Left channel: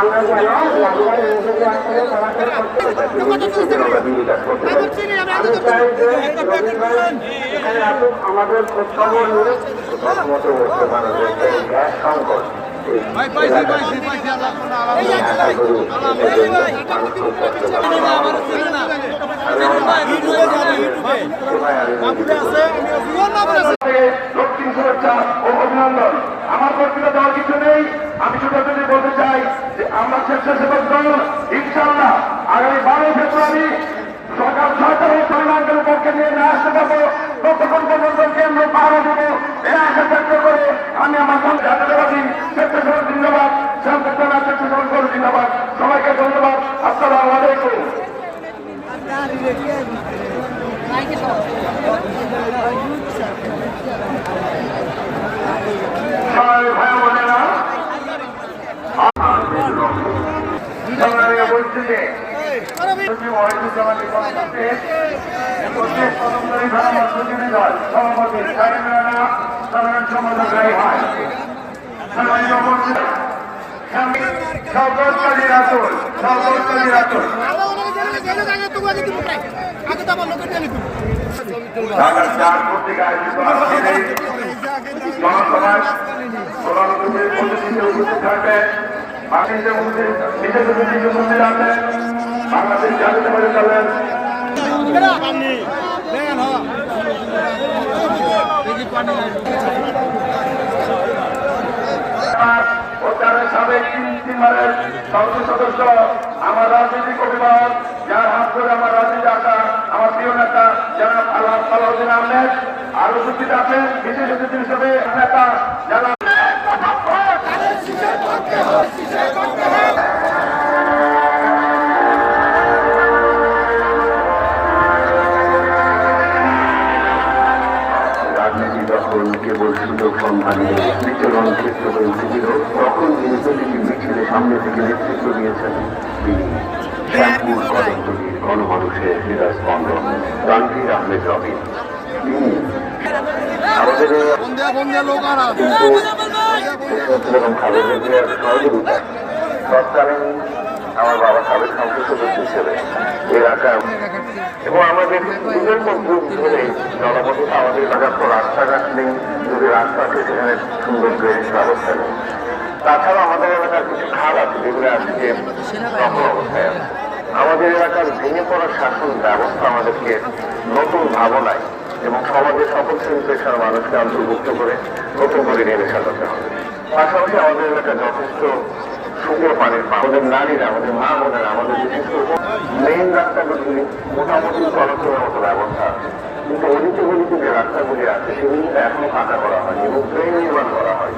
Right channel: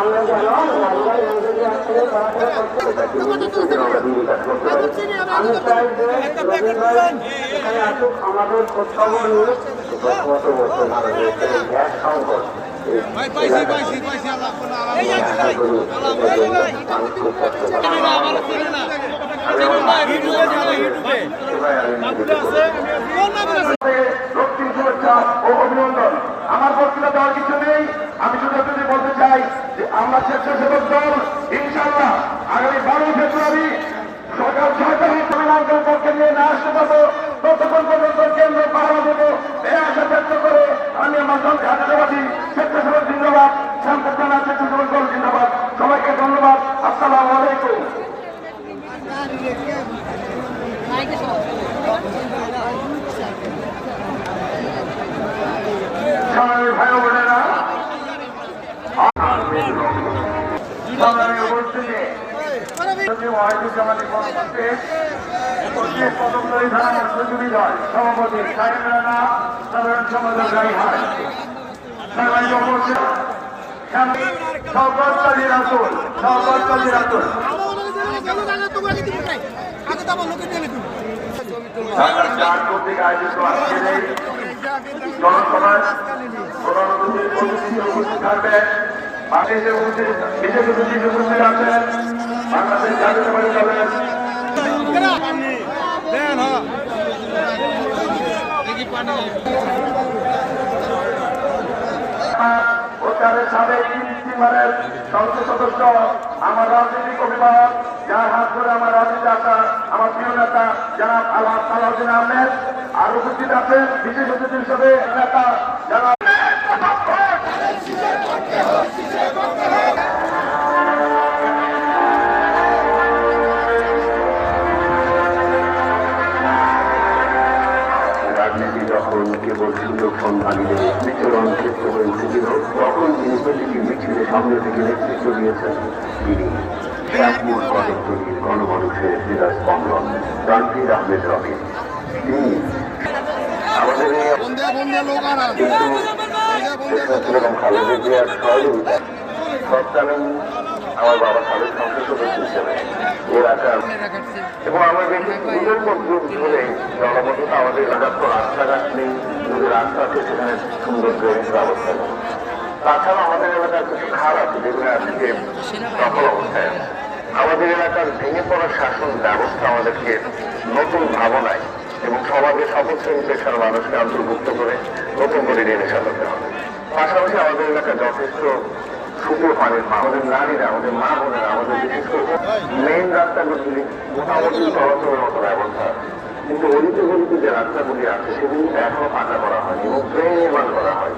আমরা যেন লাভবান নিজেকে আসলে পড়াশোনা করতে পারি। আমি চাই যে রবীন্দ্র ভাই এখানে আসুক, আমাদের খোঁজখবর নিয়ে। প্রথমত বর্তমানে গ্যাস সংকট দক্ষিণ সুরক্ষা ও অভিনন্দন। আমার বক্তৃতা দেওয়ার কিছু নেই, আমি শুধু বলতে চাই যে আমরা স্বেচ্ছাসেবক দল ইনশাআল্লাহ আগামী 12 ফেব্রুয়ারি সকাল 6টায় সমানাঞ্চল পক্ষে নিয়ে না আসতে পারবো, ততক্ষণ পর্যন্ত কেন্দ্র পাহারা দেবো এই আশা ব্যক্ত করে আমি আমার জাতীয়বাদী স্বেচ্ছাসেবক জিন্দাবাদ, শান্তনা স্বেচ্ছাসেবক দল জিন্দাবাদ। সবাইকে ধন্যবাদ। আসসালামু আলাইকুম। ভাই বোনেরা, সংগ্রামী উপস্থিতি সভাপতি সাধারণ সম্পাদক হয় শওকত কাজী রাতুল, শওকত কাজী রাতুল কর্তৃক আয়োজিত আজকের এই জনসভায় প্রধান অতিথিতে উপস্থিত থাকবেন বাংলাদেশের বিশেষ অতিথি উপস্থিত আছেন বাংলাদেশ জাতীয়তাবাদী দলের সাবেক তিনবারের সংসদ সদস্য, আমার রাজনৈতিক অভিভাবক, যার হাত ধরে আমার রাজনীতি আসা আমার প্রিয় নেতা জনাব আলাউদ্দিন আহমেদ, আর উপস্থিত আছেন বিশেষ অতিথি হিসেবে নেতা জনাব রাজনীতি যখন কেবল সুযোগ সন্ধানে বিচরণ ক্ষেত্র হয়ে উঠেছিল, তখন তিনি প্রতিটি মিছিলে সামনে থেকে নেতৃত্ব দিয়েছেন। তিনি শ্যামপুর পদতলির গণমানুষের হৃদয় স্পন্দন তানভীর আহমেদ রবিন। তিনি তৎকালীন আমার বাবা সাবেক সংসদ সদস্য হিসেবে এলাকার এবং আমাদের আমাদের এলাকার রাস্তাঘাট নেই, রাস্তা আছে সেখানে সুন্দর ড্রেনেজ ব্যবস্থা নেই। তাছাড়া আমাদের এলাকার কিছু খাল আছে যেগুলো আজকে দখল অবস্থায়। আমাদের এলাকার ভেঙে পড়া শাসন ব্যবস্থা আমাদেরকে নতুন ভাবনায় এবং সমাজের সকল শ্রেণী পেশার মানুষকে অন্তর্ভুক্ত করে নতুন করে নিয়ে সাজাতে হবে। পাশাপাশি আমাদের এলাকায় যথেষ্ট সুন্দর পানির, আমাদের নারীরা, আমাদের মা বোনেরা, আমাদের বিশেষ করে মেইন রাস্তাগুলি মোটামুটি চলাচলের মতো ব্যবস্থা, কিন্তু অলিতে গলিতে যে রাস্তাগুলি আছে সেগুলি এখনো পাকা করা হয়নি এবং ট্রেন নির্মাণ করা হয়।